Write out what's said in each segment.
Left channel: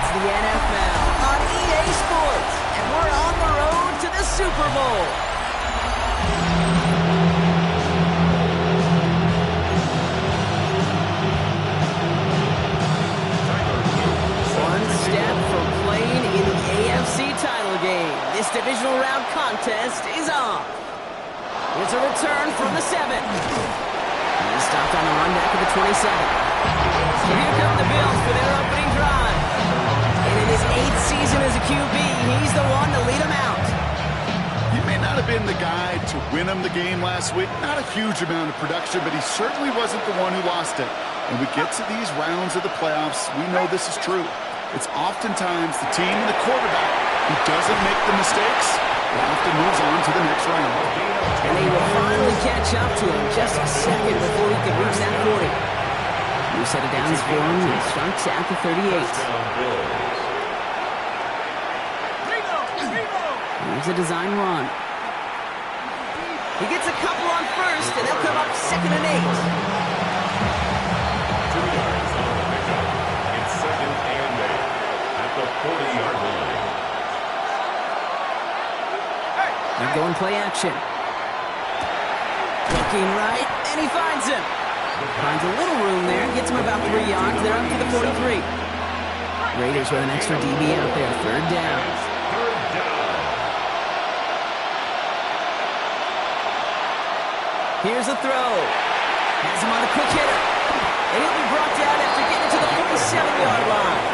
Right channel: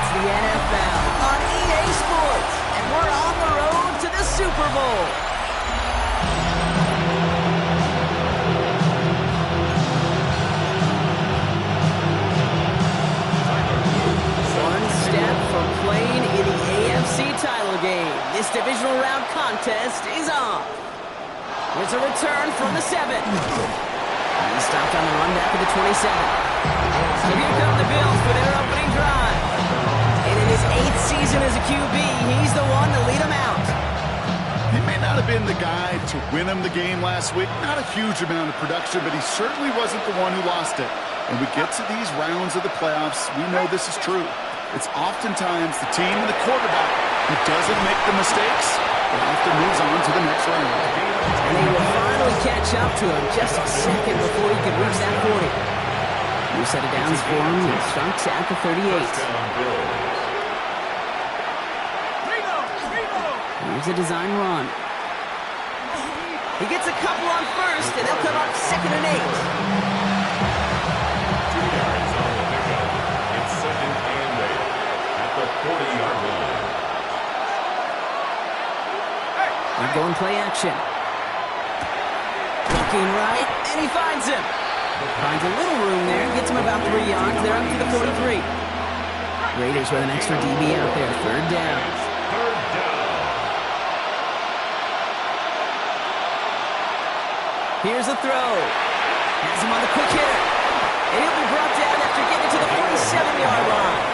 It's the NFL on EA Sports, and we're on the road to the Super Bowl. One step from playing in the AFC title game. This divisional round contest is on. Here's a return from the 7. He stopped on the run back at the 27. So here come the Bills for their opening drive. And in his 8th season as a QB, he's the one to lead them out. He may not have been the guy to win him the game last week. Not a huge amount of production, but he certainly wasn't the one who lost it. And we get to these rounds of the playoffs, we know this is true. It's oftentimes the team and the quarterback who doesn't make the mistakes that often moves on to the next round. And they will finally catch up to him just a second before he can reach that 40. New set of downs for him. He starts at the 38. Here's a design run. He gets a couple on first, and they'll come up 2nd and 8. 2 yards on the pickup. It's 2nd and 8 at the 40-yard line. They're going play action. Looking right, and he finds him. Finds a little room there, gets him about 3 yards. They're up to the 43. Raiders with an extra DB out there. 3rd down. Here's a throw. Has him on the quick hitter. And he'll be brought down after getting to the 47-yard line.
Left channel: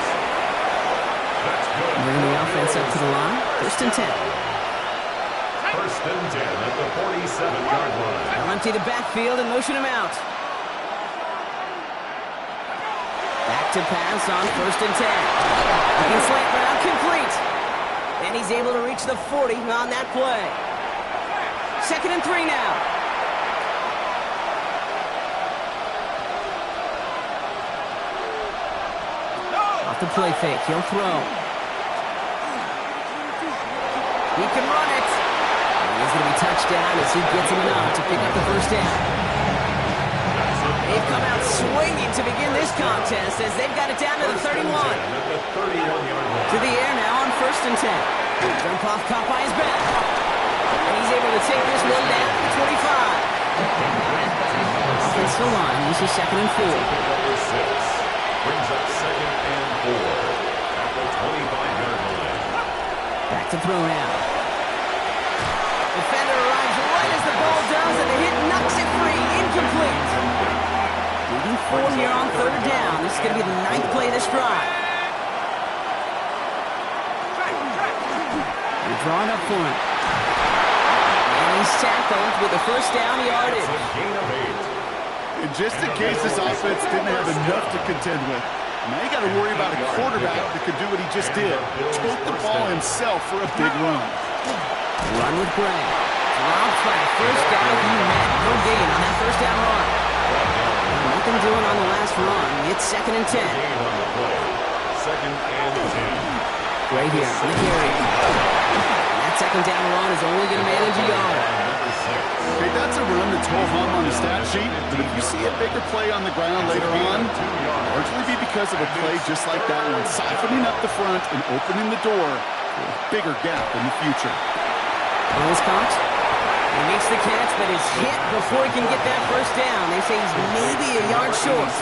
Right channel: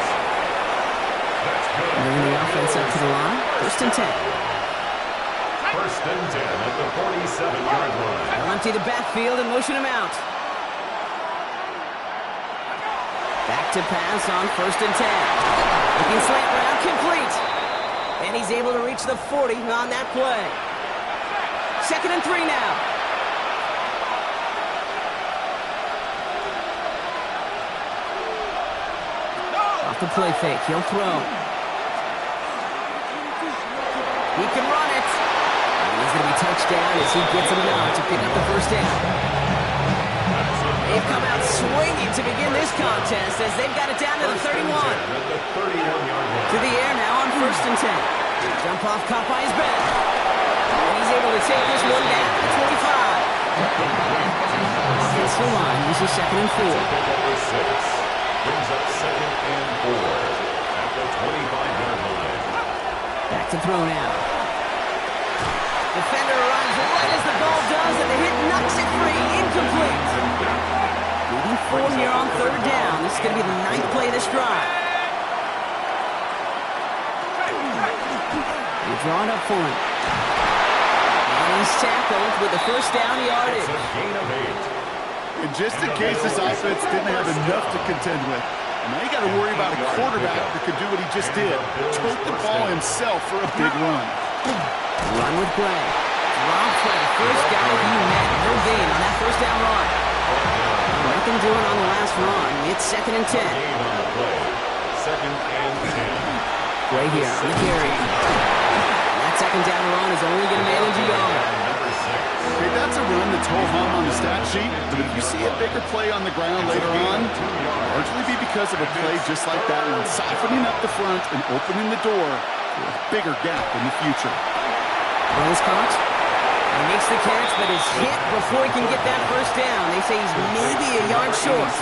Bringing the offense up to the line. 1st and 10. 1st and 10 at the 47-yard line. They'll empty the backfield and motion him out. Back to pass on 1st and 10. Looking slant route, complete. And he's able to reach the 40 on that play. 2nd and 3 now. Off the play fake, he'll throw. He can run it. And he's going to be touched down as he gets him enough to pick up the 1st down. They've come out swinging to begin this contest as they've got it down to the 31. To the air now on 1st and 10. Jump off caught by his back. And he's able to take this one down to the 25. Offensive line uses 2nd and 4. Brings up 2nd and 4 at the 25-yard line. Back to throw now. Defender arrives right as the ball does, and the hit knocks it free. Incomplete. Leading 4 here on 3rd down. This is going to be the 9th play of this drive. They draw it up for him. And he's tackled with the 1st down yardage. It's a gain of 8. And just in case this offense didn't have enough to contend with, now you got to worry about a quarterback that could do what he just did. Tote the ball himself for a big run. Run with Gray. Dropped by the first guy he met. No gain on that 1st down run. Nothing doing on the last run. It's 2nd and 10. Gain on the play. 2nd and 10. Gray here on the carry. And that 2nd down run is only going to manage a yard. Okay, that's a run that's ho-hum on the stat sheet, but if you see a bigger play on the ground later on, it'll largely be because of a play just like that one, siphoning up the front and opening the door for a bigger gap in the future. Ball is caught. He makes the catch, but is hit before he can get that 1st down. They say he's maybe a yard short.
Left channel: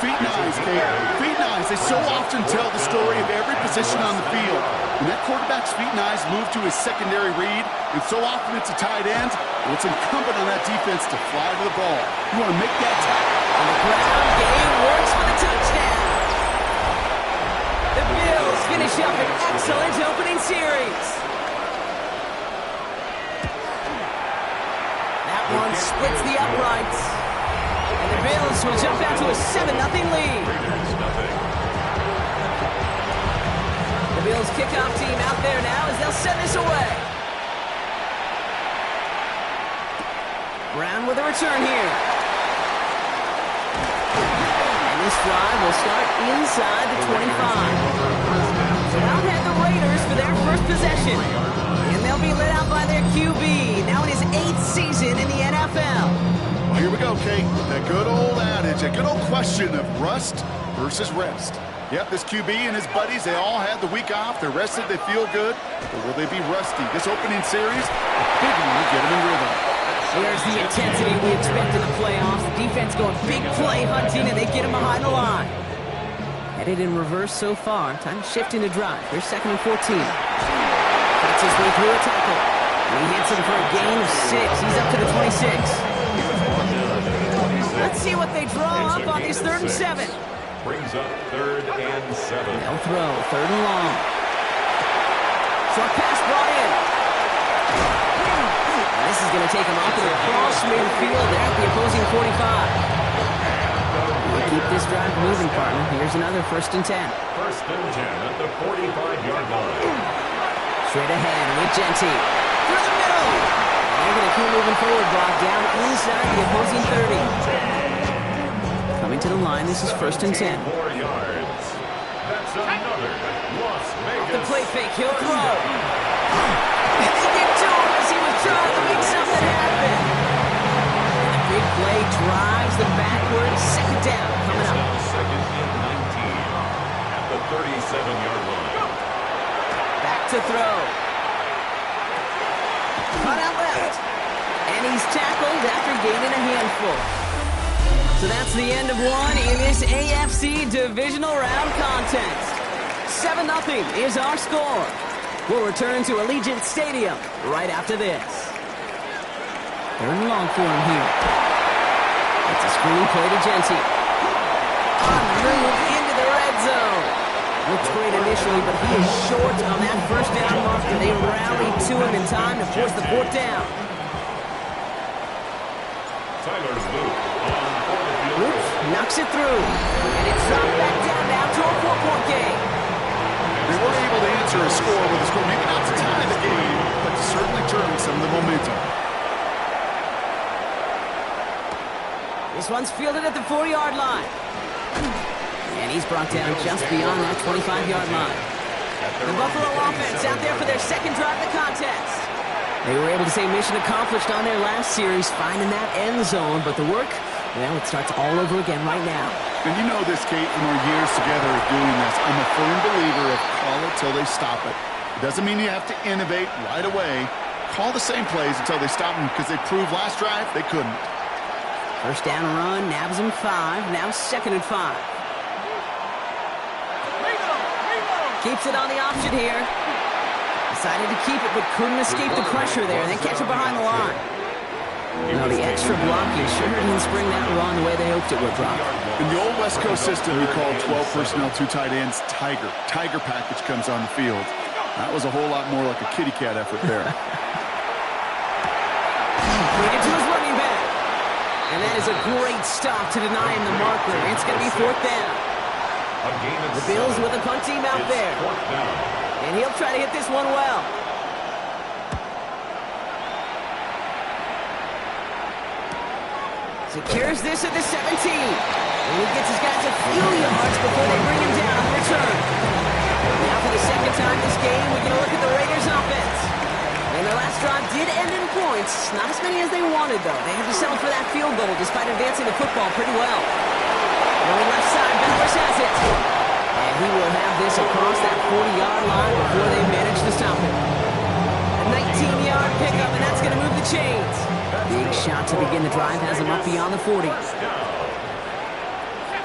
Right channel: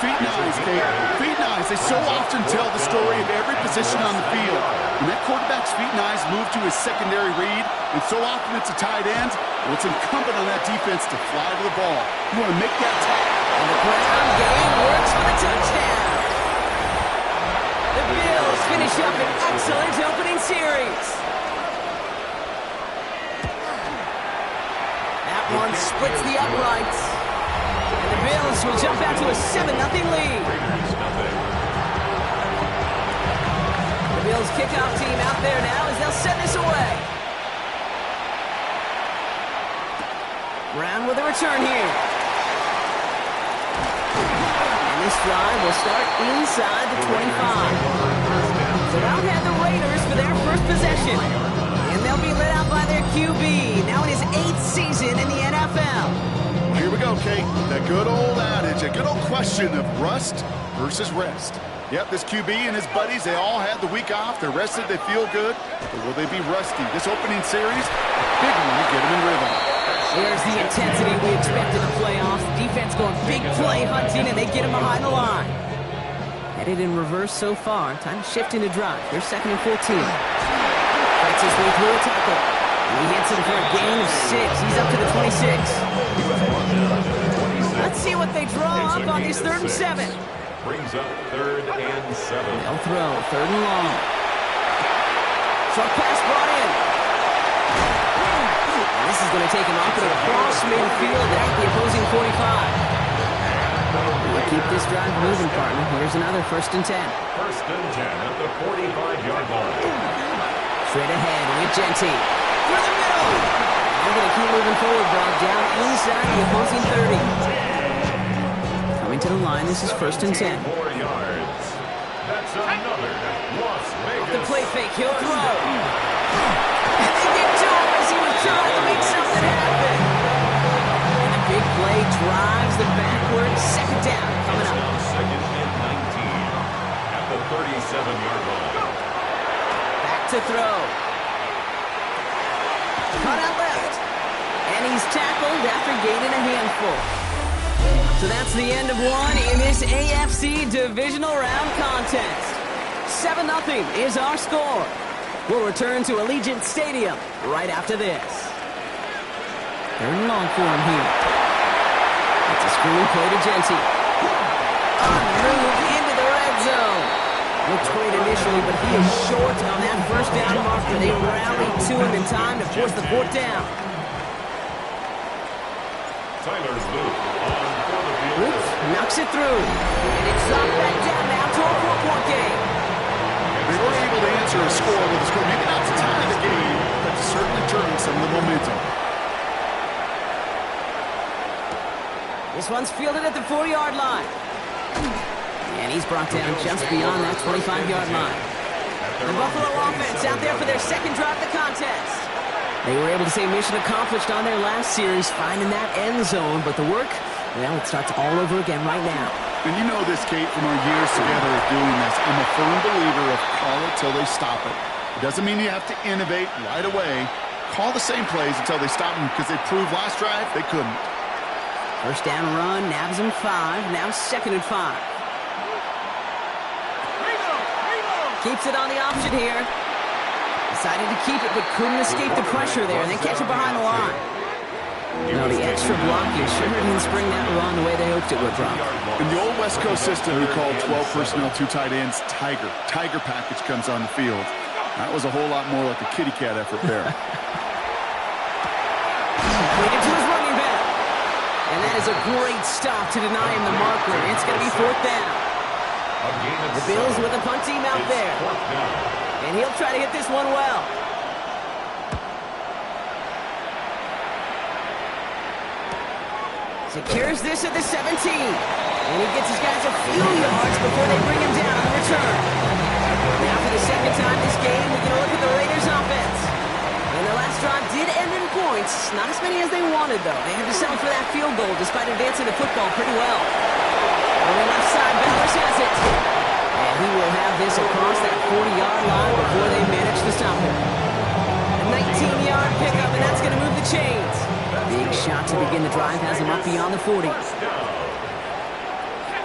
Feet and eyes, Kate. Feet and eyes. They so often tell the story of every position on the field. When that quarterback's feet and eyes move to his secondary read, and so often it's a tight end, well, it's incumbent on that defense to fly to the ball. You want to make that tackle. On the ground game works for the touchdown. The Bills finish up an excellent opening series. That one splits the uprights. And the Bills will jump out to a 7-0 lead. The Bills kickoff team out there now as they'll send this away. Brown with a return here. And this drive will start inside the 25. So out head the Raiders for their 1st possession. And they'll be led out by their QB, now in his 8th season in the NFL. Well, here we go, Kate. That good old adage, a good old question of rust versus rest. Yep, this QB and his buddies, they all had the week off. They're rested, they feel good. But will they be rusty? This opening series, a big one to get them in rhythm. There's the intensity we expect in the playoffs. Defense going big play hunting, and they get him behind the line. Headed in reverse so far. Time to shift into drive. Here's 2nd and 14. Fights his way through a tackle. And he hits him for a gain of 6. He's up to the 26. Let's see what they draw up on this 3rd and 7. Brings up 3rd and 7. They'll throw 3rd and long. Short pass brought in. And this is going to take him off to the cross midfield there at the opposing 45. We'll keep this drive moving, partner. Here's another 1st and 10. 1st and 10 at the 45-yard line. Straight ahead with Genty. Through the middle. And they're going to keep moving forward, Brock, down inside the opposing 30. Coming to the line, this is 1st and 10. 4 yards. That's another Las Vegas. The play fake, he'll throw. And they get to him as he was trying to make something happen. And the big play drives them backwards. 2nd down coming up. Now 2nd and 19 at the 37-yard line. Back to throw. Cut out left. And he's tackled after gaining a handful. So that's the end of one in this AFC Divisional Round contest. 7-0 is our score. We'll return to Allegiant Stadium right after this. 3rd and long for him here. It's a screen play to Genty. On the move into the red zone. Looks great initially, but he is short on that 1st down marker. They rallied to him in time to force the 4th down. Tyler Luke on for the field. Luke knocks it through. And it's dropped back down now to a 4-point game. They were able to answer a score with a score, maybe not to tie the game, but to certainly turn some of the momentum. This one's fielded at the 4-yard line. And he's brought down just beyond that 25-yard line. The Buffalo offense out there for their 2nd drive of the contest. They were able to say mission accomplished on their last series, finding that end zone, but the work, well, it starts all over again right now. And you know this, Kate, from our years together of doing this. I'm a firm believer of call it till they stop it. It doesn't mean you have to innovate right away. Call the same plays until they stop them, because they proved last drive they couldn't. 1st down run, nabs him 5, now 2nd and 5. Keeps it on the option here. Decided to keep it, but couldn't escape the pressure there, and then catch it behind the line. Now the extra blocking sure didn't spring that run the way they hoped it would, Brock. In the old West Coast system, we called 12 personnel, 2 tight ends, Tiger. Tiger package comes on the field. That was a whole lot more like a kitty cat effort there. Bring it to his running back. And that is a great stop to deny him the marker. It's going to be 4th down. The Bills with a punt team out there. And he'll try to hit this one well. Secures this at the 17. And he gets his guys a few yards before they bring him down on the return. Now for the 2nd time this game, we get a look at the Raiders offense. And their last drive did end in points. Not as many as they wanted, though. They had to settle for that field goal despite advancing the football pretty well. Going left side, Bowers has it. And he will have this across that 40-yard line before they manage to stop him. A 19-yard pickup, and that's going to move the chains. Big shot to begin the drive has him up beyond the 40.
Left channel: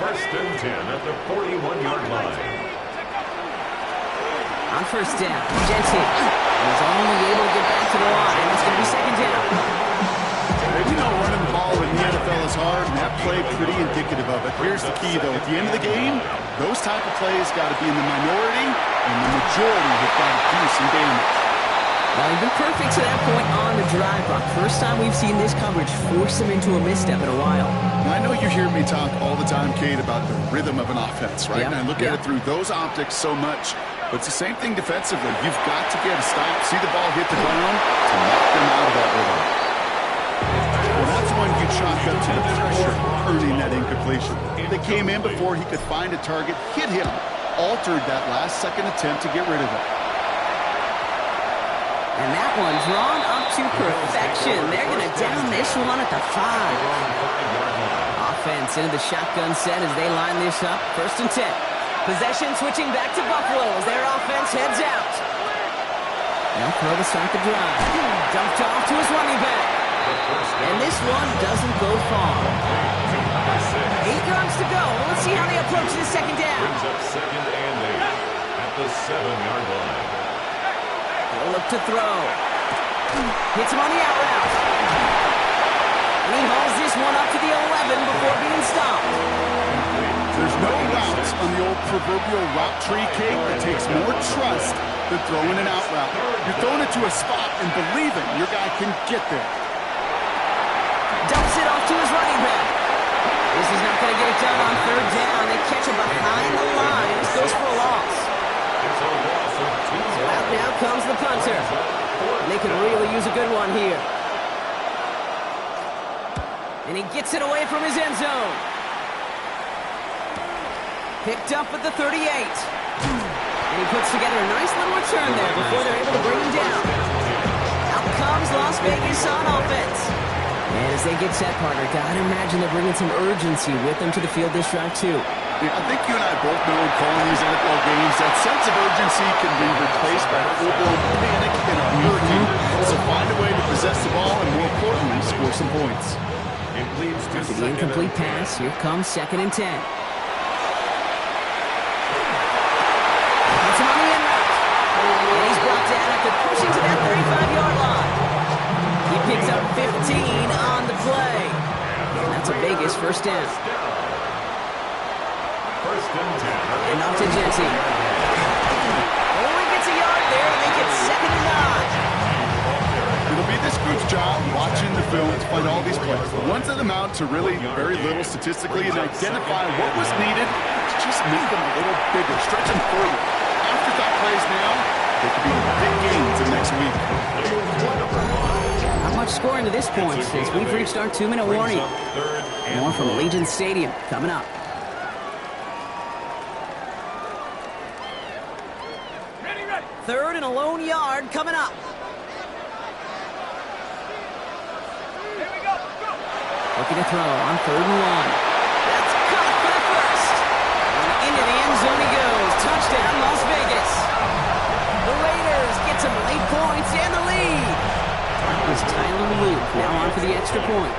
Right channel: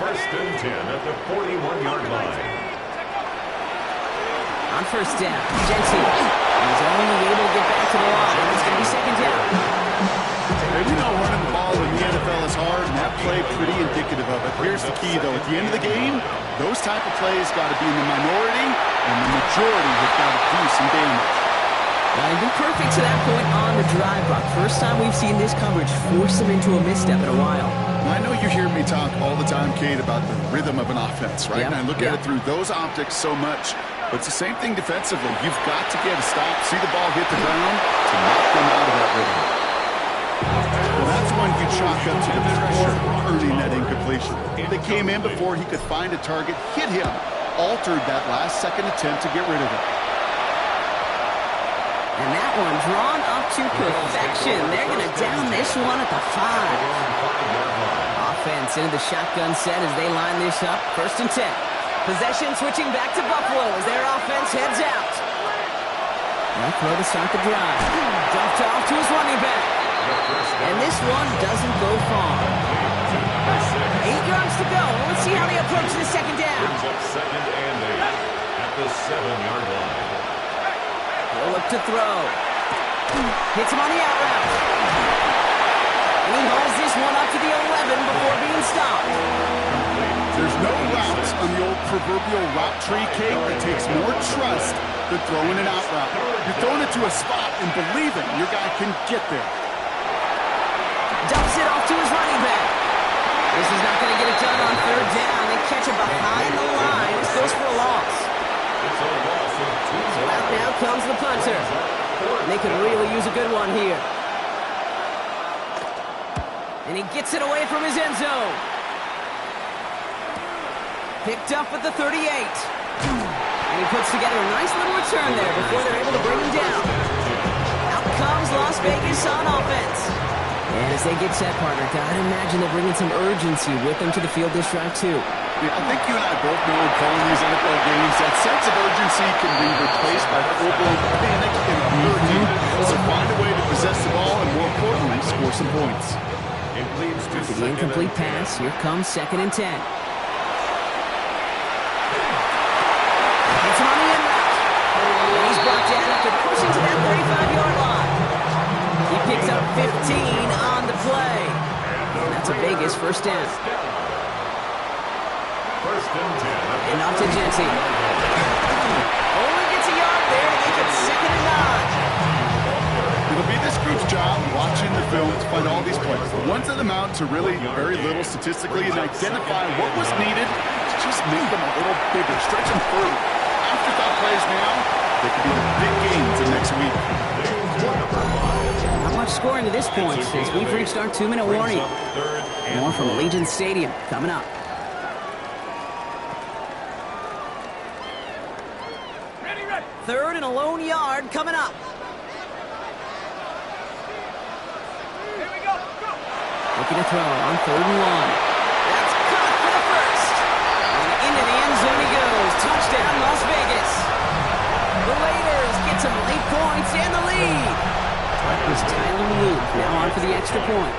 1st and 10 at the 41-yard line. On 1st down, Genty. He's only able to get back to the line. It's going to be 2nd down. And you know running the ball in the NFL is hard, and that play pretty indicative of it. Here's the key, though. At the end of the game, those type of plays got to be in the minority, and the majority have got to do some damage. Well, he's been perfect to that point on the drive, Brock. First time we've seen this coverage force him into a misstep in a while. Now, I know you hear me talk all the time, Kate, about the rhythm of an offense, right? Yep. And I look at it through those optics so much. But it's the same thing defensively. You've got to get a stop, see the ball hit the ground to knock them out of that rhythm. Well, that's when you chalk up to the pressure earning that incompletion. They came in before he could find a target, hit him, altered that last-second attempt to get rid of it. And that one drawn up to perfection. They're going to down this one at the 5. Offense into the shotgun set as they line this up. 1st and 10. Possession switching back to Buffalo as their offense heads out. They'll throw to start the drive. Dumped off to his running back. And this one doesn't go far. 8 yards to go. Let's see how they approach this second down. Brings up second and 8 at the 7-yard line. He'll look to throw. Hits him on the out route. And he hauls this one up to the 11 before being stopped. There's no routes on the old proverbial route tree cake that takes more trust than throwing an out route. You're throwing it to a spot and believing your guy can get there. Dumps it off to his running back. This is not going to get it done on third down. They catch him behind the line. This goes for a loss. It's a loss of 2 yards. So out now comes the punter. And they could really use a good one here. And he gets it away from his end zone. Picked up at the 38. And he puts together a nice little return there before they're able to bring him down. Out comes Las Vegas on offense. And as they get set, partner, gotta imagine they're bringing some urgency with them to the field this drive, too. Yeah, I think you and I both know in calling these NFL games that sense of urgency can be replaced by full-blown panic in a hurricane. So find a way to possess the ball and, more importantly, score some points. It leads to After the incomplete pass, here comes 2nd and 10. Hits him on the in route. And he's brought down after pushing to that 35-yard line. He picks up 15 on the play. And that's a Vegas first down. First and 10. And off to Jency. Only gets a yard there to make it 2nd and 9. It'll be this group's job watching the film to find all these plays. The ones that amount to really very little statistically and identify what was needed to just make them a little bigger, stretch them further. Afterthought plays now, they could be the big gains of next week. Not much scoring to this point since we've reached our 2-minute warning. More from Allegiant Stadium coming up. Third and a lone yard coming up. Looking to throw on 3rd and 1. That's caught for the first. And into the end zone he goes. Touchdown, Las Vegas. The Raiders get some late points and the lead. That was Tyler Luke. Now on for the extra point.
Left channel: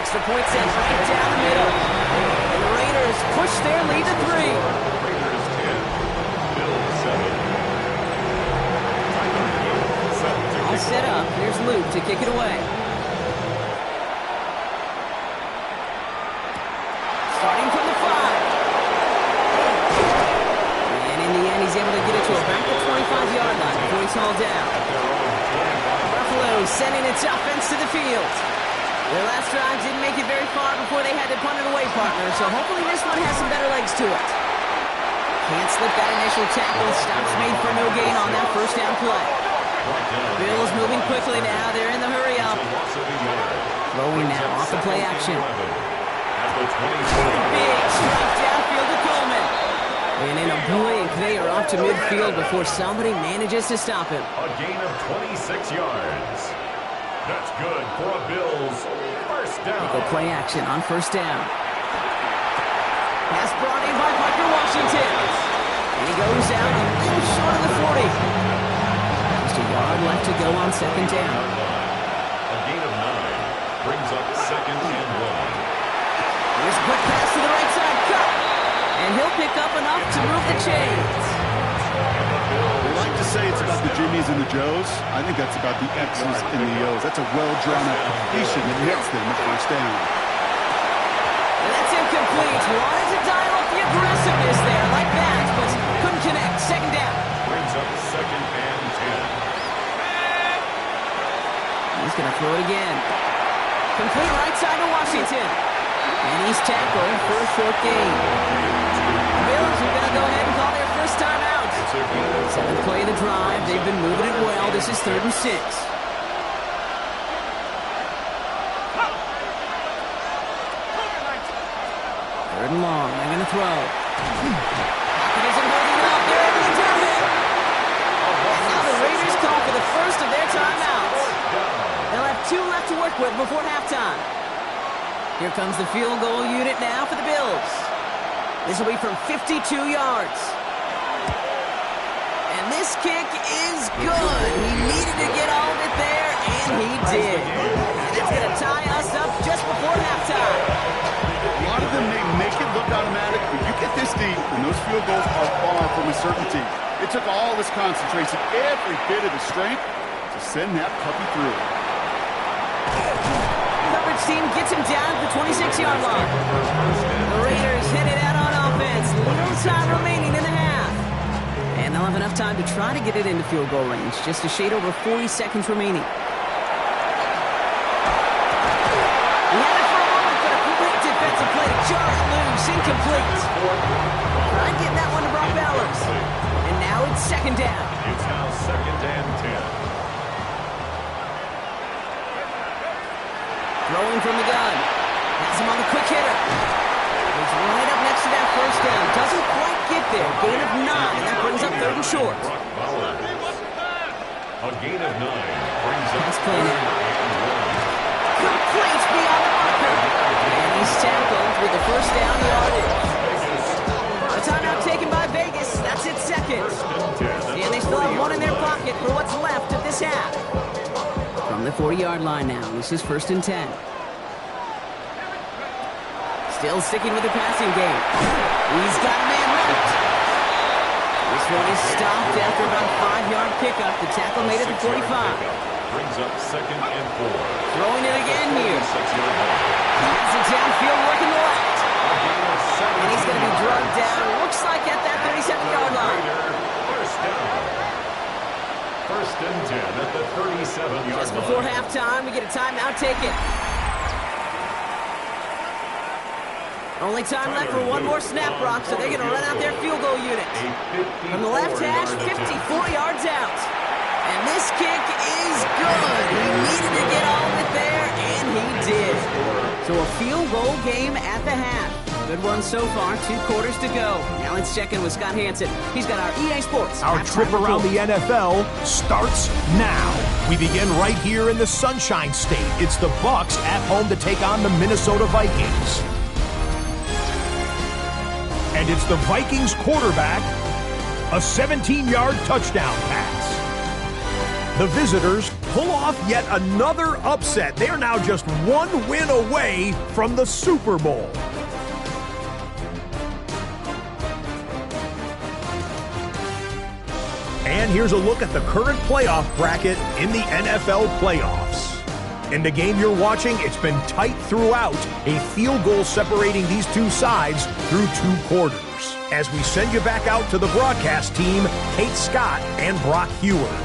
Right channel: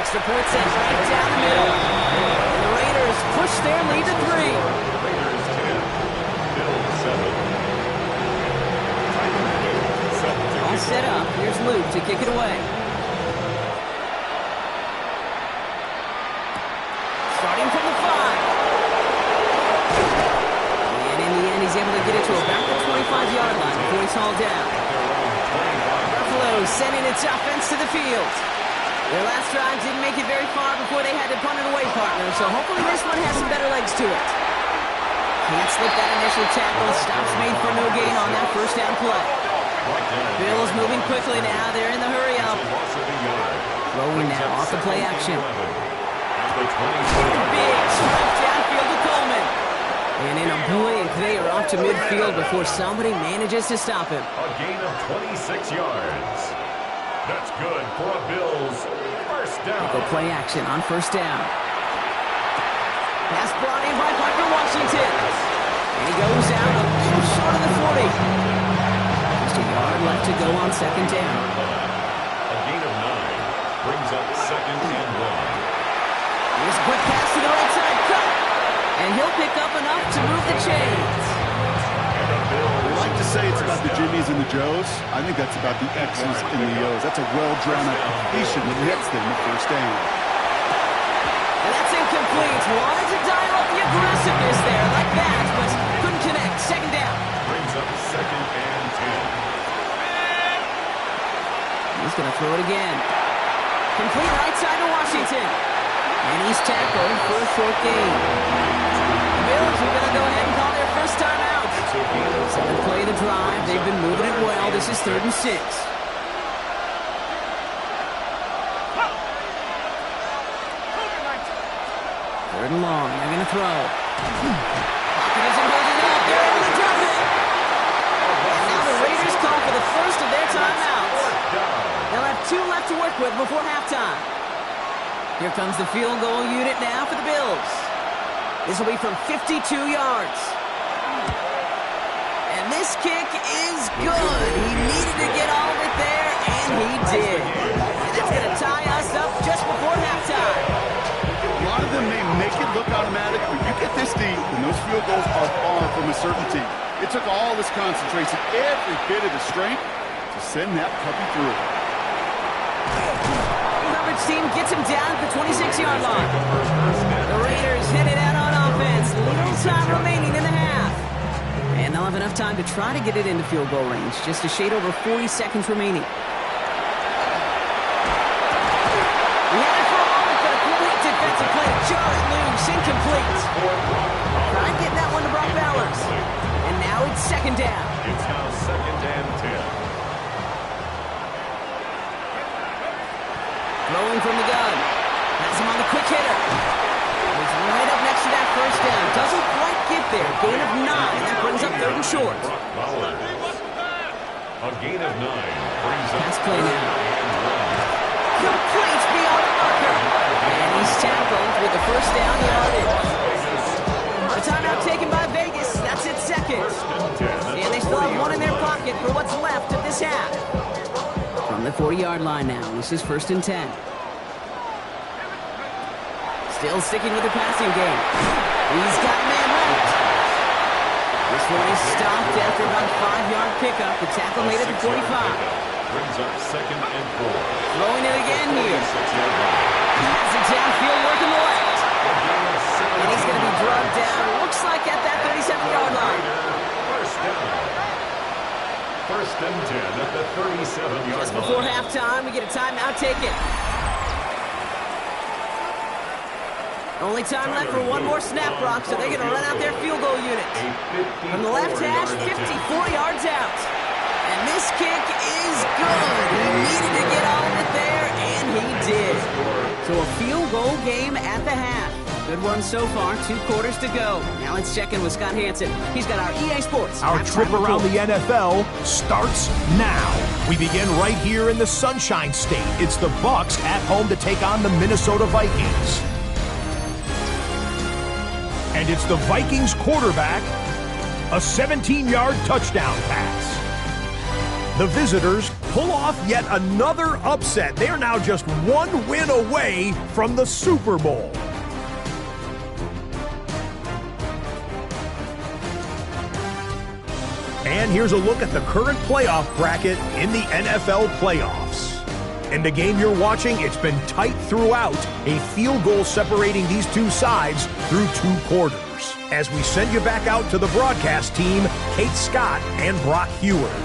Extra point sent right down the middle. And the Raiders push their lead to 3. Raiders 10, Bills 7. All set up. Here's Luke to kick it away. Starting from the 5. And in the end, he's able to get it to about the 25-yard line before he's hauled down. Buffalo sending its offense to the field. Their last drive didn't make it very far before they had to punt it away, partner, so hopefully this one has some better legs to it. Can't slip that initial tackle. Stops made for no gain on that first down play. Bills moving quickly now. They're in the hurry up. Throwing now off the play action. Big strike downfield to Coleman. And in a blink, they are off to midfield before somebody manages to stop him. A gain of 26 yards. That's good for a Bills first down. Go play action on first down. Pass brought in by Parker Washington. And he goes out a little short of the 40. Just a yard left to go on second down. A gain of 9 brings up 2nd and 1. Here's a quick pass to the right side, cut. And he'll pick up enough to move the chains. They like to say it's about the Jimmies and the Joes. I think that's about the X's and the O's. That's a well-drawn-out completion that gets them the first down. And that's incomplete. Wanted to dial up the aggressiveness there like that, but couldn't connect. Second down. Brings up 2nd and 10. He's going to throw it again. Complete right side to Washington. And he's tackled for a short gain. The Bills are going to go ahead and call their first time out. 7th play of the drive. They've been moving it well. This is 3rd and 6. 3rd and long. They're going to throw. Pocket isn't holding up. They're able to drop it. And now the Raiders call for the first of their timeouts. They'll have 2 left to work with before halftime. Here comes the field goal unit now for the Bills. This will be from 52 yards. And this kick is good. He needed to get all of it there, and he did. And that's going to tie us up just before halftime. A lot of them may make it look automatic, but you get this deep, and those field goals are far from a certainty. It took all his concentration, every bit of his strength, to send that puppy through. The coverage team gets him down at the 26-yard line. The Raiders headed out on offense. Little time remaining in the half. And they'll have enough time to try to get it into field goal range. Just a shade over 40 seconds remaining. He had it for a moment, but a great defensive play to jar it loose. Incomplete. Trying getting that one to Brock Bowers. And now it's second down. It's now 2nd and 10. Throwing from the gun. Has him on the quick hitter. He's right up next to that first down. Doesn't quite get there. Gain of 9. That brings up 3rd and short. A gain of 9 brings up Pass play now. 3rd and 1. Complete beyond the marker. And he's tackled with the first down yardage. A timeout taken by Vegas. That's its second. And they still have one in their pocket for what's left of this half. From the 40-yard line now, this is 1st and 10. Still sticking with the passing game. He's got a man left. This one is stopped after about a 5-yard pickup. The tackle made it to 45. Brings up 2nd and 4. Throwing it again here. 6-yard line. Has it downfield working the left. A gain of 7. And he's going to be drugged down. Looks like at that 37-yard line. First down. 1st and 10 at the 37-yard line. Just before halftime, we get a timeout taken. Only time left for one more snap, Brock, so they're going to run out their field goal unit. From the left hash, 54 yards out. And this kick is good. He needed to get all of it there, and he did. So a field goal game at the half. Good one so far. 2 quarters to go. Now let's check in with Scott Hansen. He's got our EA Sports. Our trip around the NFL starts now. We begin right here in the Sunshine State. It's the Bucs at home to take on the Minnesota Vikings. And it's the Vikings quarterback, a 17-yard touchdown pass. The visitors pull off yet another upset. They are now just 1 win away from the Super Bowl. And here's a look at the current playoff bracket in the NFL playoffs. In the game you're watching, it's been tight throughout, a field goal separating these two sides through 2 quarters. As we send you back out to the broadcast team, Kate Scott and Brock Heward.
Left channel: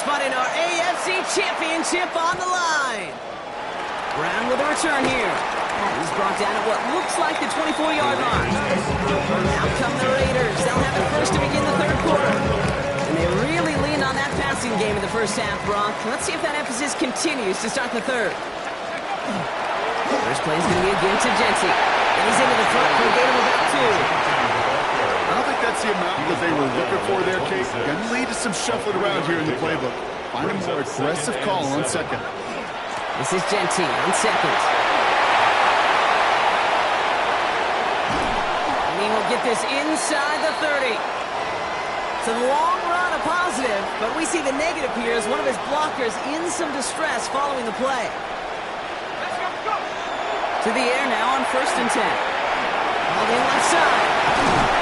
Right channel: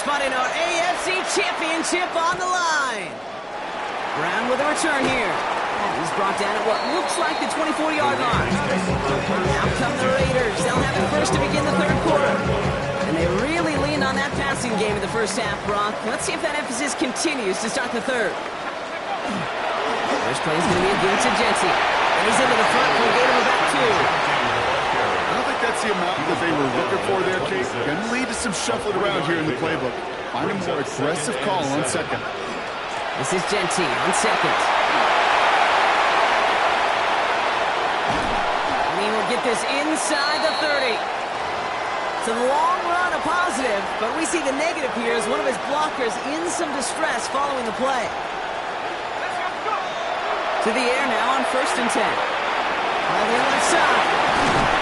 Spotting our AFC Championship on the line. Brown with a return here. He's brought down at what looks like the 24-yard line. Out come the Raiders. They'll have it first to begin the 3rd quarter. And they really leaned on that passing game in the first half, Brock. Let's see if that emphasis continues to start the 3rd. First play is going to be a give to Genty. And he's into the front for a gain of about 2. I don't think that's the amount that they were looking for there, Kate. Going to lead to some shuffling around here in the playbook. Find a more aggressive call on 2nd. This is Genty on 2nd. And he will get this inside the 30. So the long run a positive, but we see the negative here as one of his blockers in some distress following the play. To the air now on 1st and 10. All in left side.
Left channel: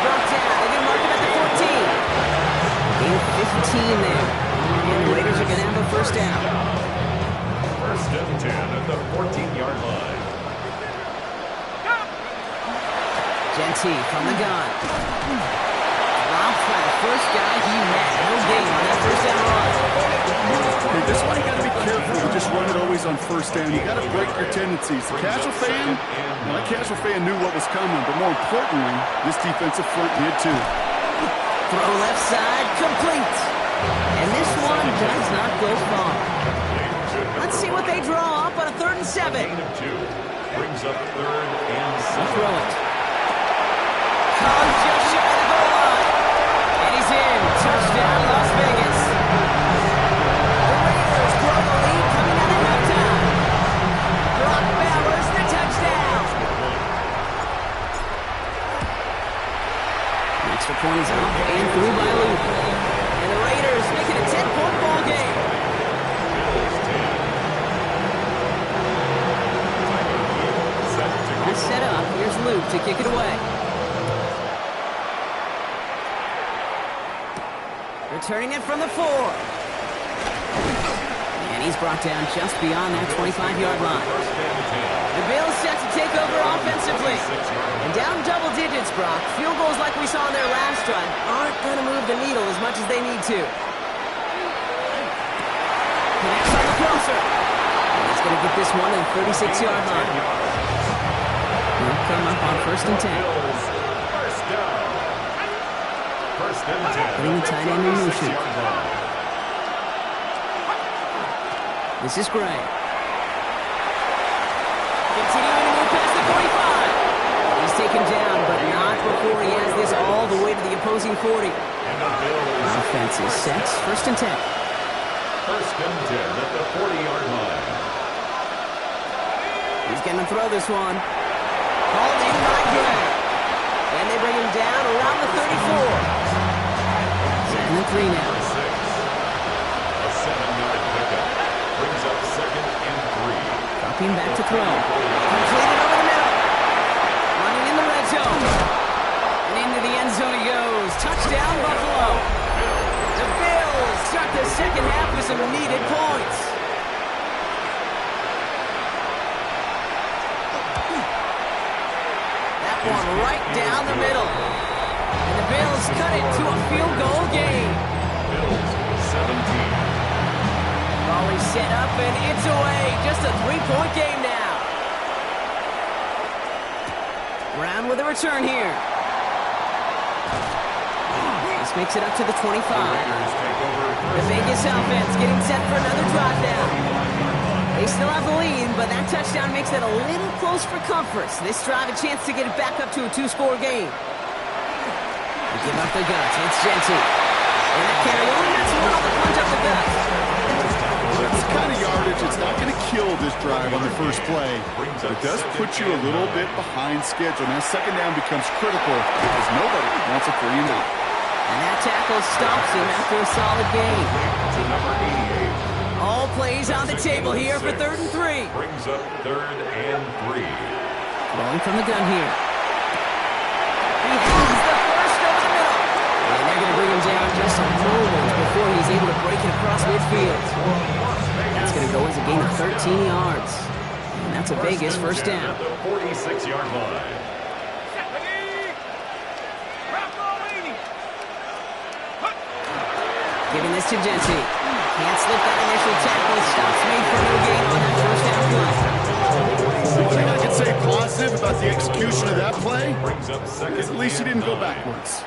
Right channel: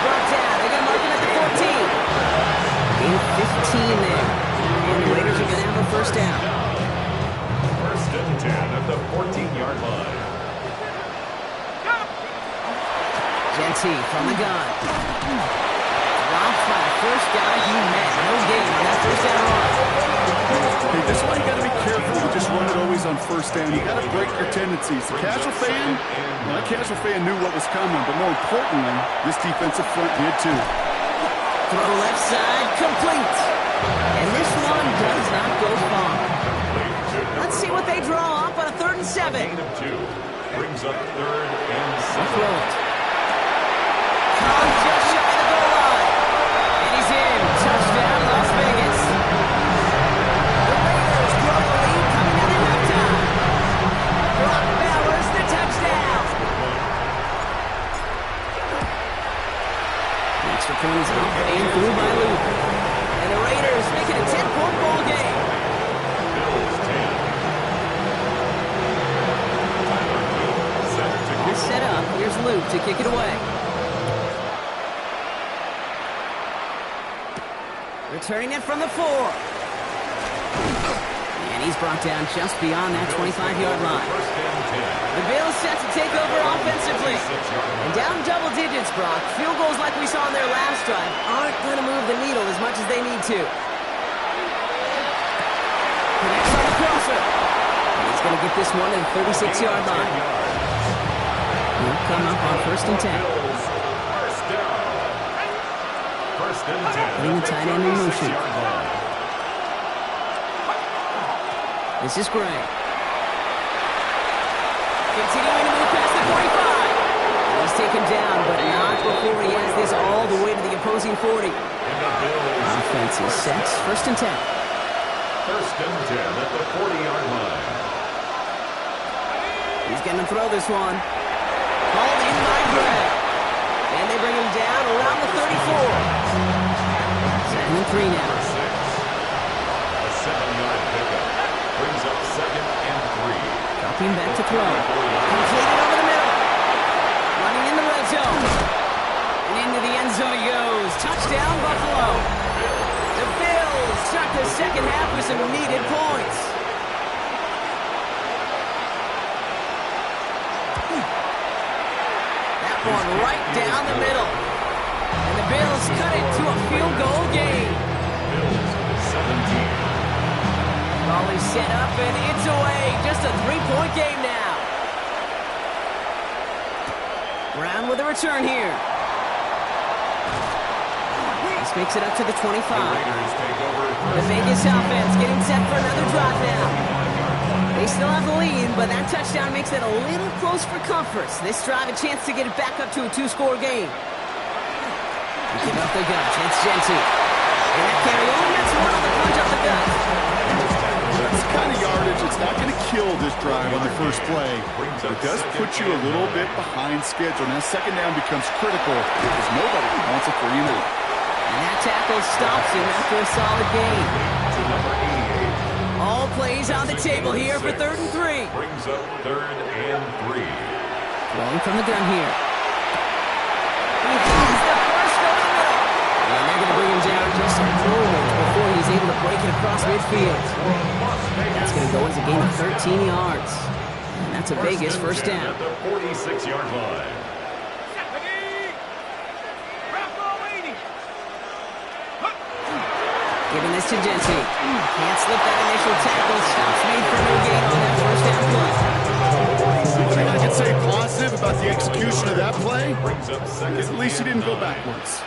Brought down. They're going to mark him at the 14. Gain of 15 there. And the Raiders are going to have a first down. 1st and 10 at the 14-yard line. Genty from the gun. Dropped by the first guy he met. No gain on that first down run. Hey, this is why you got to be careful. You just run it always on 1st down. You got to break your tendencies. The casual fan, well, that casual fan knew what was coming, but more importantly, this defensive front did too. Throw left side, complete. And this one does not go far. Let's see what they draw up on a 3rd and 7. Gain of 2. Brings up 3rd and 7. Throw it. Comes just shy of the goal line. And he's in. Touchdown, Las Vegas. The Raiders grow the lead coming out at halftime. Brock Bowers, the touchdown. The extra point is up and through by Luke. And the Raiders make it a 10-point ball game. Bills 10. Tyler Luke set to All kick set up. Here's Luke to kick it away. Returning it from the 4. And he's brought down just beyond that 25-yard line. First and 10. The Bills set to take over offensively. And down double digits, Brock. Field goals like we saw in their last drive aren't going to move the needle as much as they need to. Connects on the crosser. And he's going to get this one to the 36-yard line. He'll come up on 1st and 10. Bills, first down. First and 10. Putting the tight end in motion. This is Gray. Continuing to move past the 45. And he's taken down, but not before he has this all the way to the opposing 40. And the Bills. Offense is set. 1st and 10. First and 10 at the 40-yard line. He's going to throw this one. Hauled in by Gray. And they bring him down around the 34. 2nd and 3 now. Number 6. A 7-yard pickup. Brings up 2nd and 3. Dropping back to throw. Completed over the middle. Running in the red zone. And into the end zone he goes. Touchdown, Buffalo. The Bills start the second half with some needed points. That one right down the middle. And the Bills cut it to a field goal game. Bills 17. Volley set up and it's away. Just a 3-point game now. Brown with a return here. This makes it up to the 25. The Raiders take over The Vegas offense getting set for another drive now. They still have the lead, but that touchdown makes it a little close for comfort. This drive a chance to get it back up to a 2-score game. They give up the guts. It's Genty. And that carry only gets one on the punch up the gut. That's the kind of yardage it's not going to kill this drive on the first play. But it does put you a little bit behind schedule. Now, 2nd down becomes critical because nobody wants a 3 and out. And that tackle stops him after a solid gain. to number 88. All plays on the table here for 3rd and 3. Brings up 3rd and 3. Throwing from the gun here. He has the first over the middle. And they're going to bring him down just a moment before he's able to break it across midfield. That's going to go as a gain of 13 yards. And that's a Vegas first down. At the 46-yard line. Giving this to Genty. Can't slip that initial tackle. Stops made for no gain on that first down play. One thing I can say positive about the execution of that play Brings up is at least he didn't go backwards.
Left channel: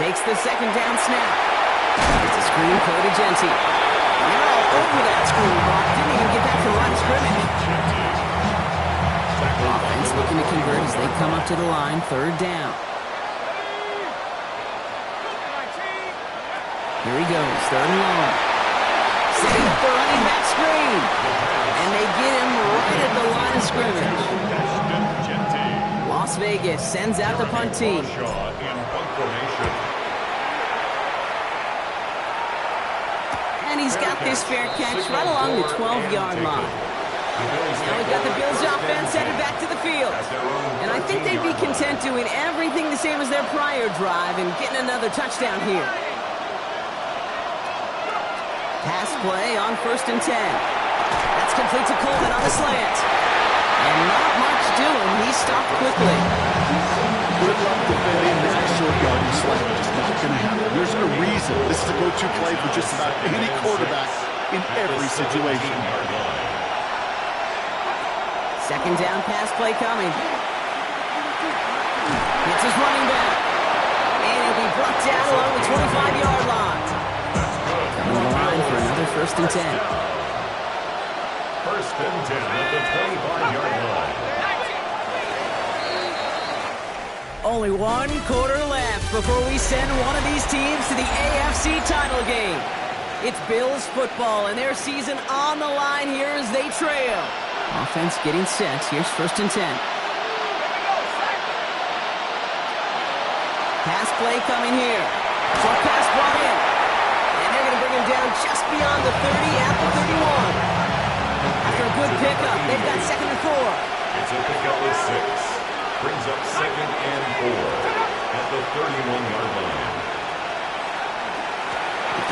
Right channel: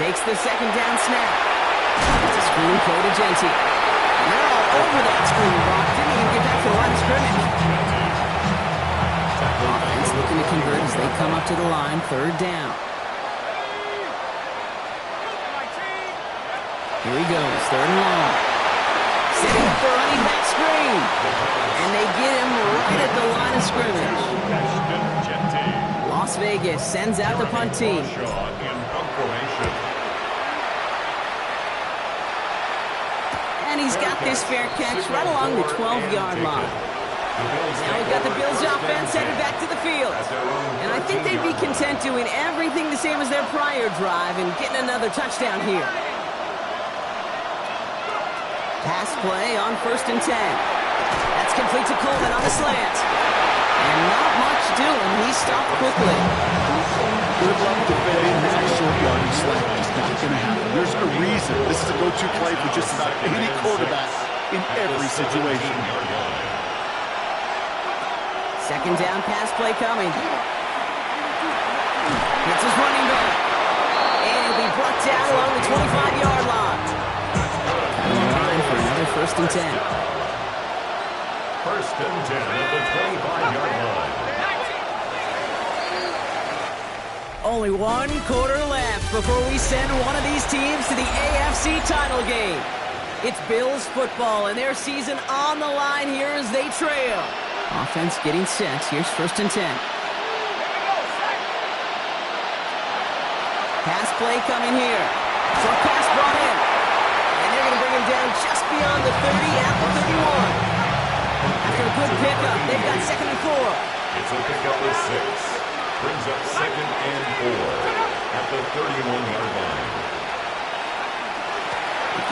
Takes the 2nd down snap. It's a screen play to Genty. And they're all over that screen, Brock. Didn't even get back to the line of scrimmage. Offense looking to convert as they come up to the line. 3rd down. Here he goes, 3rd and long. Setting up the running back screen. And they get him right at the line of scrimmage. Las Vegas sends out the punt team. And he's got this fair catch right along the 12-yard line. Now we've got the Bills offense headed back to the field. And I think they'd be content doing everything the same as their prior drive and getting another touchdown here. Pass play on 1st and 10. That's complete to Coleman on the slant. And not much doing. He stopped quickly. Good luck defending that short yardage slant. Just not going to happen. There's a reason this is a go-to play for just about any quarterback in every situation. 2nd down pass play coming. Gets his running back. And he'll be brought down along the 25-yard line. Coming in line for another 1st and 10. First and 10 at the 25-yard line. Only one quarter left before we send one of these teams to the AFC title game. It's Bills football and their season on the line here as they trail. Offense getting set. Here's first and 10. Pass play coming here. Short pass brought in. And they're going to bring him down just beyond the 30 at the 31. After a good pickup, they've got second and 4. It's a pickup of 6. Brings up second and 4 at the 31-yard line.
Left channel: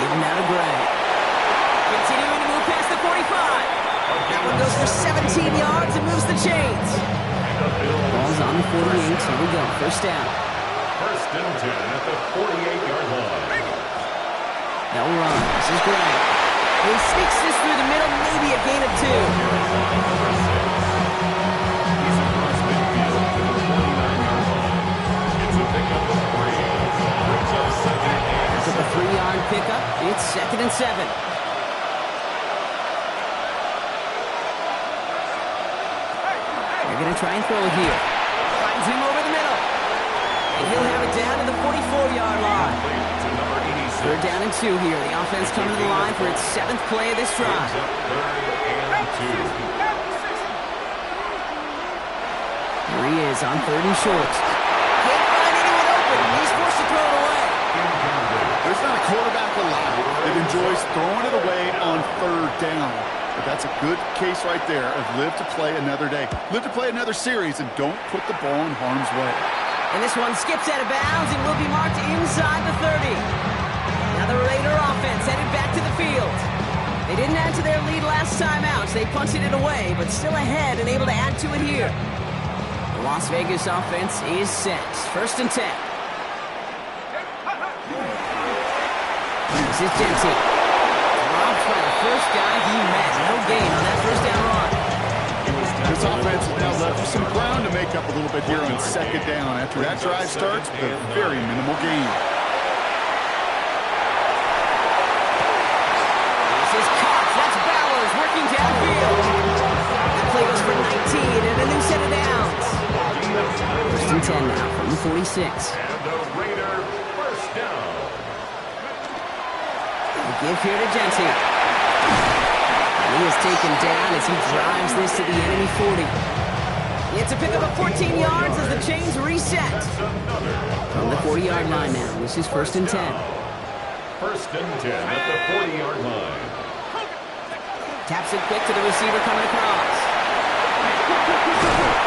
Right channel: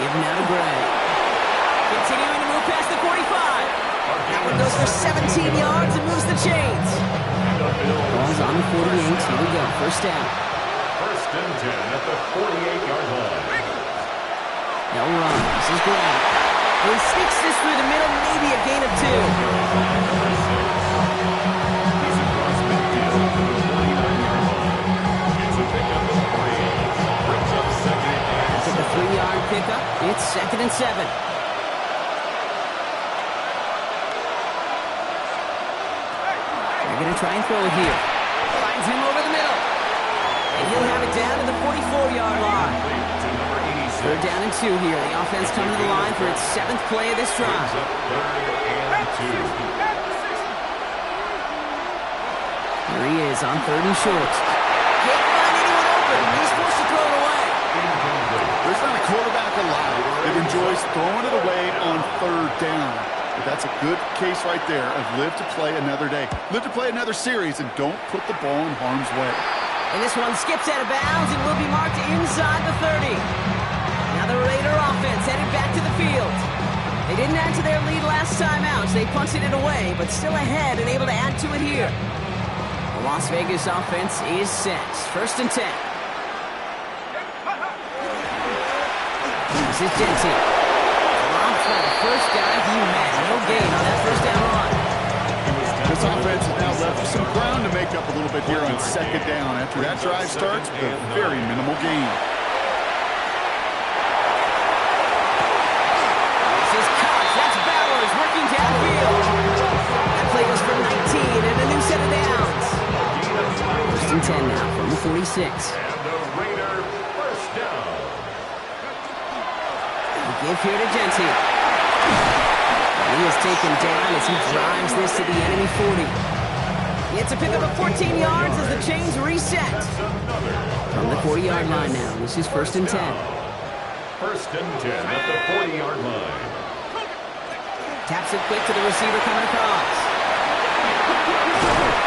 Give him out of Gray. Continuing to move past the 45. That one goes for 17 yards and moves the chains. Ball's on the 48. Here we go. First down. First and 10 at the 48-yard line. They'll run. This is Gray. He sneaks this through the middle, maybe a gain of 2. Number 6. He's across midfield to the 49-yard line. It's a pickup of 3. Brings up second and 7. After the 3-yard pickup, it's second and 7. They're going to try and throw it here. Finds him over the middle. And he'll have it down to the 44-yard line. To number 86. They're down and 2 here. The offense coming to the line for its 7th play of this drive. Brings up third and 2. Here he is on third and short. Can't find anyone open. He's forced to throw it away. Incomplete. There's not a quarterback alive that enjoys throwing it away on third down. But that's a good case right there of live to play another day. Live to play another series and don't put the ball in harm's way. And this one skips out of bounds and will be marked inside the 30. Now the Raider offense headed back to the field. They didn't add to their lead last time out. They punted it away, but still ahead and able to add to it here. The Las Vegas offense is set. First and 10. This is Genty. Dropped by the first guy he met. No gain on that first down run. This offense is now left with some ground to make up a little bit here on second down after that drive starts with a very minimal gain. This is Cox. That's Bowers working downfield. That play goes for 19 and a new set of downs. First and 10 now from the 46. And the Raider first down. The give here to Genty. And he is taken down as he drives this to the enemy 40. It's a pickup of 14 yards as the chains reset. From the 40-yard line now. This is first and 10. First and 10 at the 40-yard line. Taps it quick to the receiver coming across.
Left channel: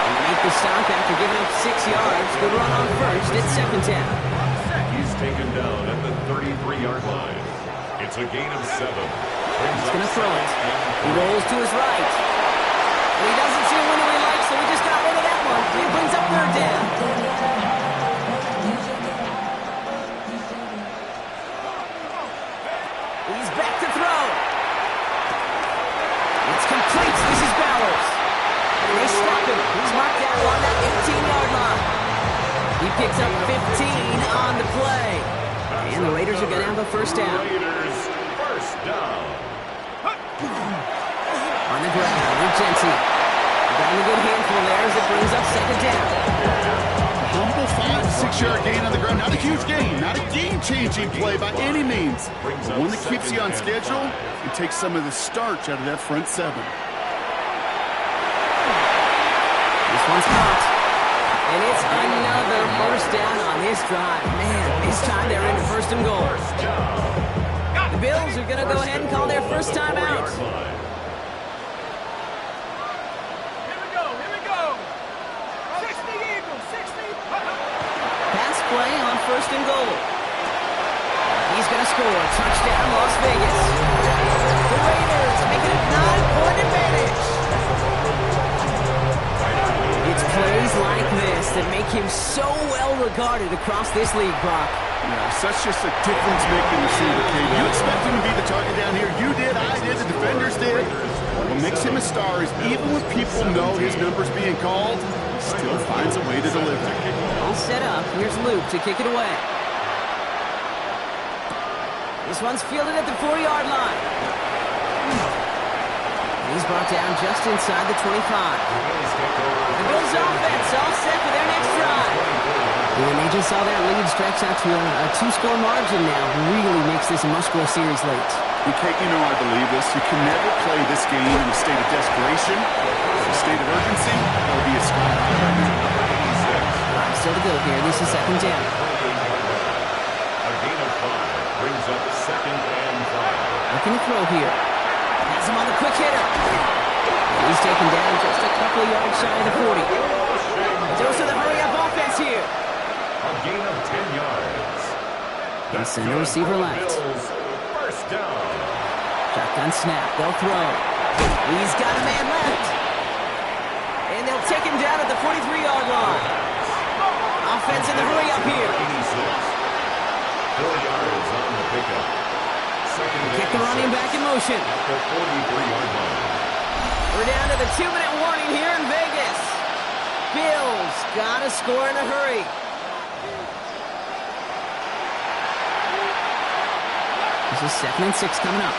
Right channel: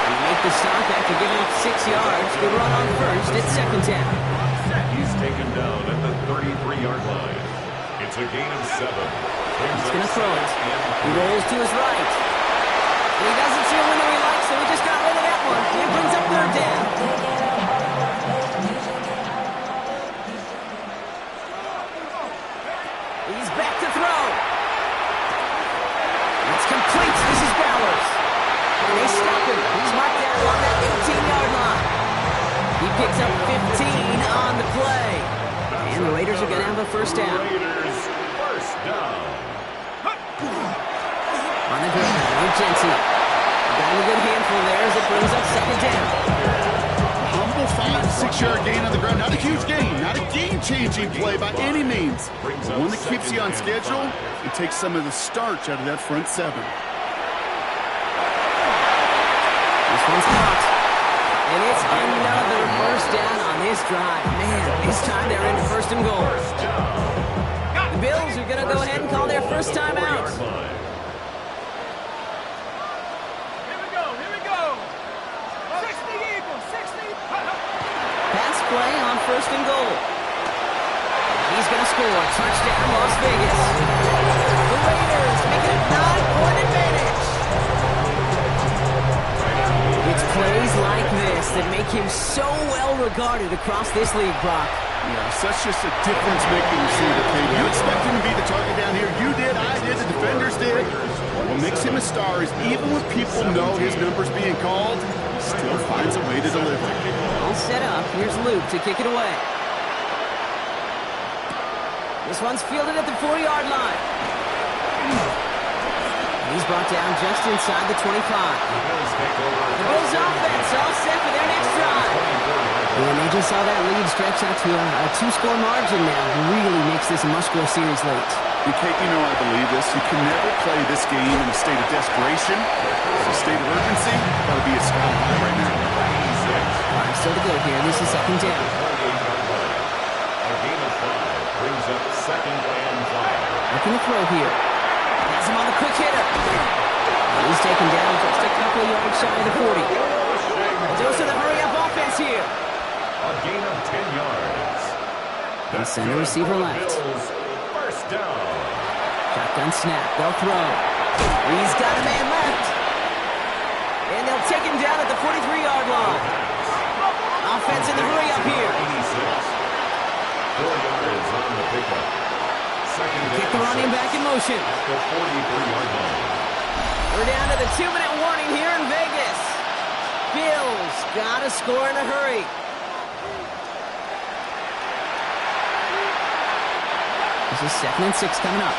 And they make the stop after giving up 6 yards. Good run on first. It's second down. He's taken down at the 33-yard line. It's a gain of 7. He's going to throw it. He rolls to his right. And he doesn't see a window he likes, so he just got rid of that one. He brings up third down. He's back to throw. It's complete. This is Bowers. And they stop him. He's marked down along that 18-yard line. He picks up 15 on the play. And the Raiders are going to have a first down. Raiders first down. On the ground with Genty. Got a good handful there as it brings up second down. Humble 5 to 6 yard gain on the ground. Not a huge gain. Not a game-changing play by any means. But one that keeps you on schedule and takes some of the starch out of that front 7. This one's caught. And it's another first down on this drive. Man, this time they're into first and goal. The Bills are going to go ahead and call their first time out. Pass play on first and goal. He's going to score. Touchdown, Las Vegas. The Raiders making a 9-point advantage. It's plays like this that make him so well regarded across this league, Brock. Yeah, such just a difference-making receiver, Kate. You expect him to be the target down here. You did, I did, the defenders did. What makes him a star is even when people know his number's being called, he still finds a way to deliver. All set up. Here's Luke to kick it away. This one's fielded at the 4-yard line. He's brought down just inside the 25. The Bills offense all set for their next drive. And they just saw that lead stretch out to a two-score margin now. Really makes this a must-score series late. Kate, you know I believe this. You can never play this game in a state of desperation. A state of urgency got to be a sky high right now. 5 still to go here. This is second down. A gain of 5 brings up second and 5. Looking to throw here. Has him on the quick hitter. And he's taken down just a couple of yards shy of the 40. A dose of the hurry-up offense here. A gain of 10 yards. They send a receiver left. First down. Shotgun snap. They'll throw. He's got a man left. And they'll take him down at the 43-yard line. Offense in the hurry-up here. 4 yards on the pickup. Second down. Kick the running back in motion. At the 43-yard line. We're down to the 2-minute warning here in Vegas. Bills got to score in a hurry. This is 2nd and 6 coming up.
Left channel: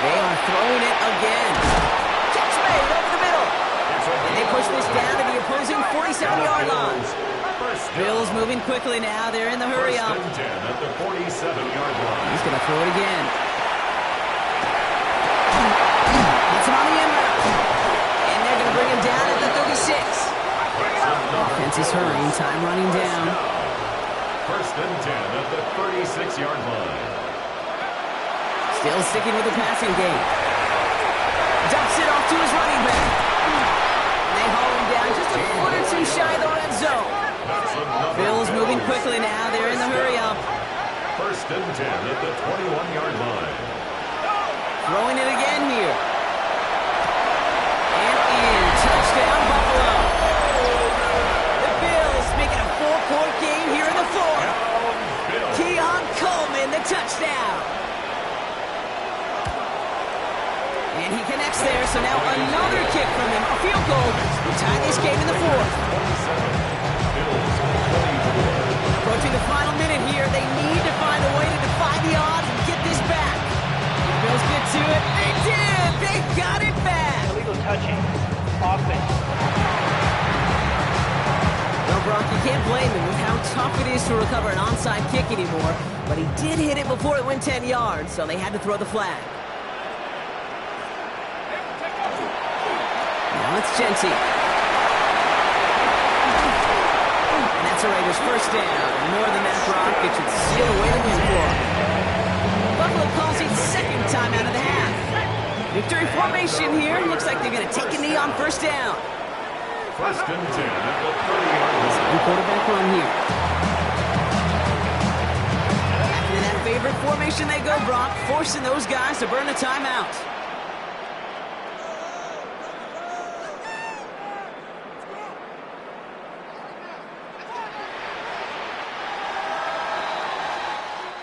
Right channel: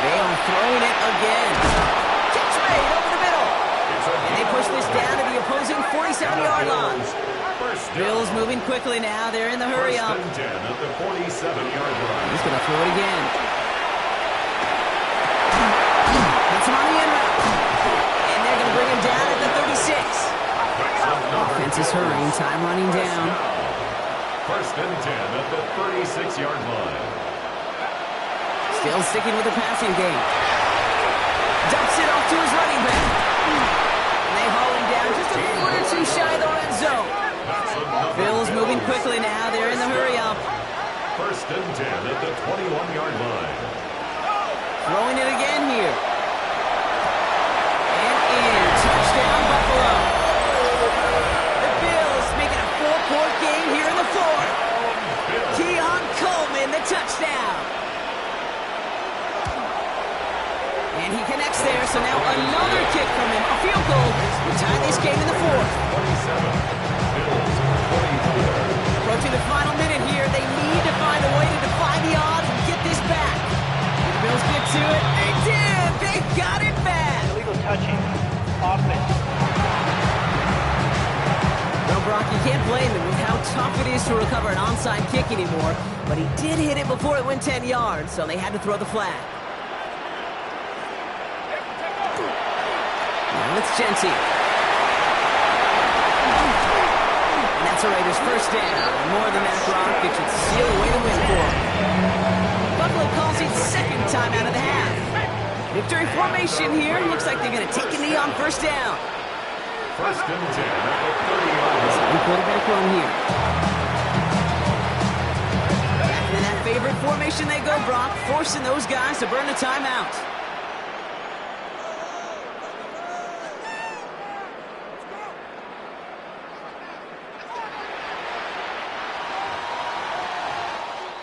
They are throwing it again. Catch made over the middle. And they push this down to the opposing 47-yard line. Bills moving quickly now. They're in the hurry-up. First and 10 at the 47-yard line. He's going to throw it again. Gets him on the end route. And they're going to bring him down at the 36. Offense is hurrying, time running down. First and 10 at the 36-yard line. Still sticking with the passing game. Dumps it off to his running back. And they haul him down just a foot or two shy of the red zone. Bills moving quickly now. They're in the hurry-up. First and 10 at the 21-yard line. Throwing it again here. And in. Touchdown, Buffalo. Making a 4-point game here in the fourth. Keon Coleman, the touchdown. And he connects there, so now another kick from him. A field goal to tie this game in the fourth. 27. Bills 24. Approaching the final minute here. They need to find a way to defy the odds and get this back. Did the Bills get to it? They did. They got it back. Illegal touching. Offense. Well, Brock, you can't blame him with how tough it is to recover an onside kick anymore, but he did hit it before it went 10 yards, so they had to throw the flag. Now it's Genty. And that's a Raiders first down. And more than that, Brock, it should seal away the win for him. Buffalo calls it second time out of the half. Victory formation here. Looks like they're going to take a knee on first down. First and 10 at the 30-yard line. Quarterback run here. Back into that favorite formation they go, Brock, forcing those guys to burn a timeout.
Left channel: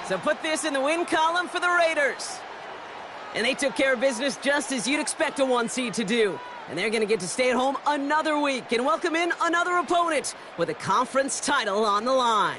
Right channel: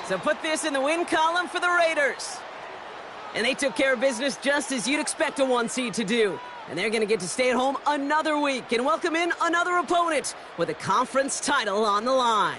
So put this in the win column for the Raiders. And they took care of business just as you'd expect a 1 seed to do. And they're going to get to stay at home another week and welcome in another opponent with a conference title on the line.